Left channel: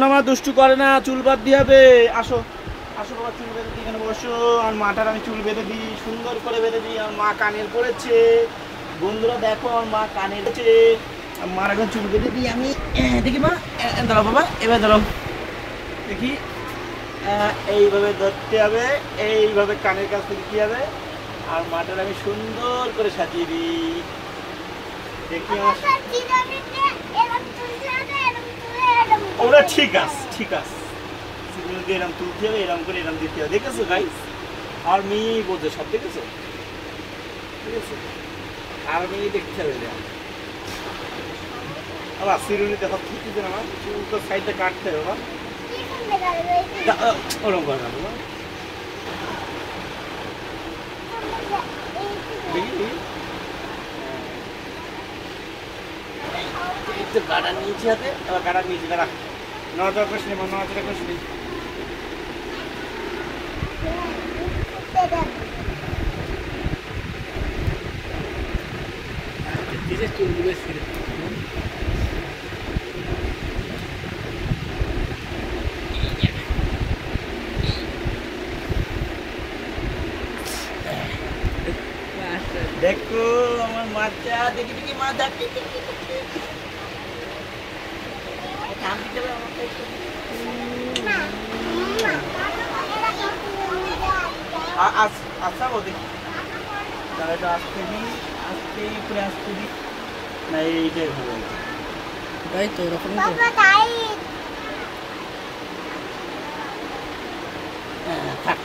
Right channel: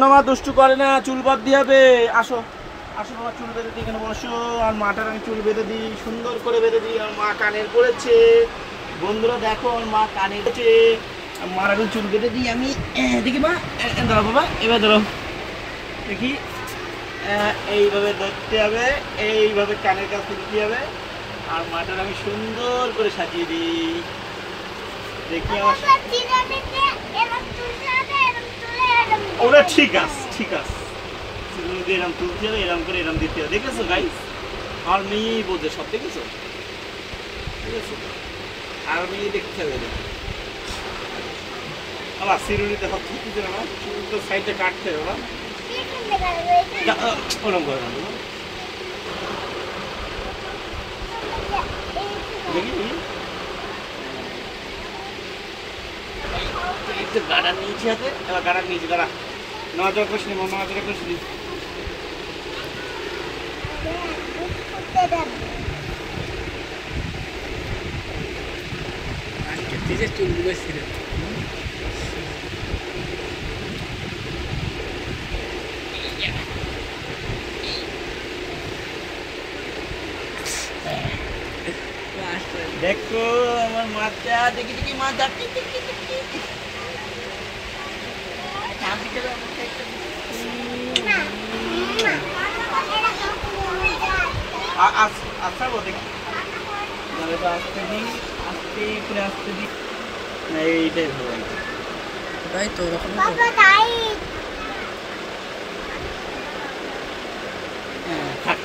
এখন আমার দুষ্টু করে না, চুল বাদ দিয়ে হবে। আসো আসো বাবা, চুল বেঁধে দিই, এখানে বসো। আর মাটার আমি চুল বেঁধে দিই, সুন্দর করে বেঁধে দিই। আমার মা কানের পড়েছে, বন্ধুরা দেখো আমার মা কানের পড়েছে। মার এখন চুল বেঁধে দিই আমি। দেখি মা, দাঁড়াও বাবা, এবার দাঁড়াও দেখি। এইভাবে ধরতে হবে, এইভাবে কানের কাছ থেকে দিতে হবে। আর মাটার আমি সুন্দর করে সাজিয়ে দিই। দেখি আমার ওটা ঠিক আছে, ঠিক আছে। এরকম তুলতে হবে, এরকম করে এরকম দিতে হবে। দেখেছো গাইস, আর মেয়েই বোঝে সব, দেখেছো? ঠিক আছে, আর মেয়ে দেখতে হবে না। আবার সিরুনিতে হাত ধুতে না, চুলটা সাইডটা কাটতে হবে বাবা। ওরকম করে না দেখি দেখি। একটু গাড়া নিয়েছি হাতে, এবার গাড়া নিয়েছি, গাড়া নজর করিস নি, নজর করিস নি। চুলগুলো ছিঁড়ে দেখো আমার মাথা, দেখি দেখি মাথা আচ্ছা দেখি, এটা আসতে দিই, আস্তে করে আসতে দিই না, এইটাই হবে না। ওটাই তো ওরকম তো। হ্যাঁ থাক